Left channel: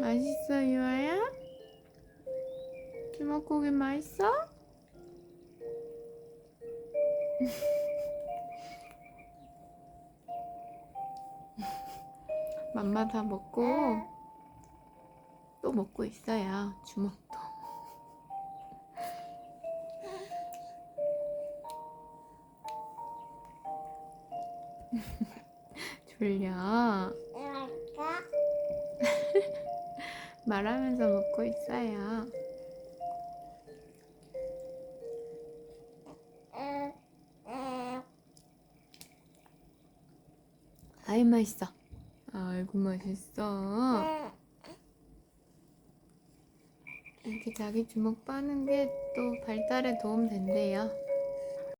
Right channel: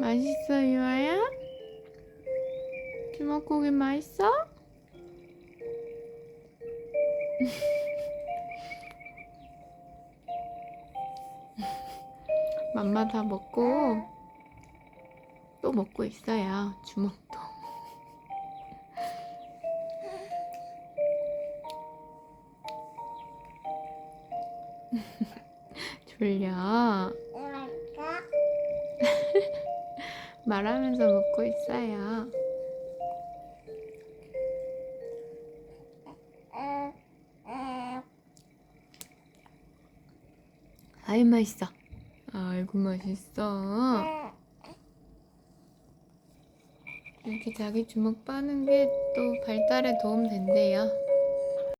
맛있어, 유아야? 주먹고기 맛있어? 맘마 다 먹고 또 먹고 있어요. 주먹도. 졸려. 말하면서 먹고 있어요. 아이 맛있어. 아이고 맛있어. 이렇게 자기 주먹 빠는 게 또 발달에 도움 된대요.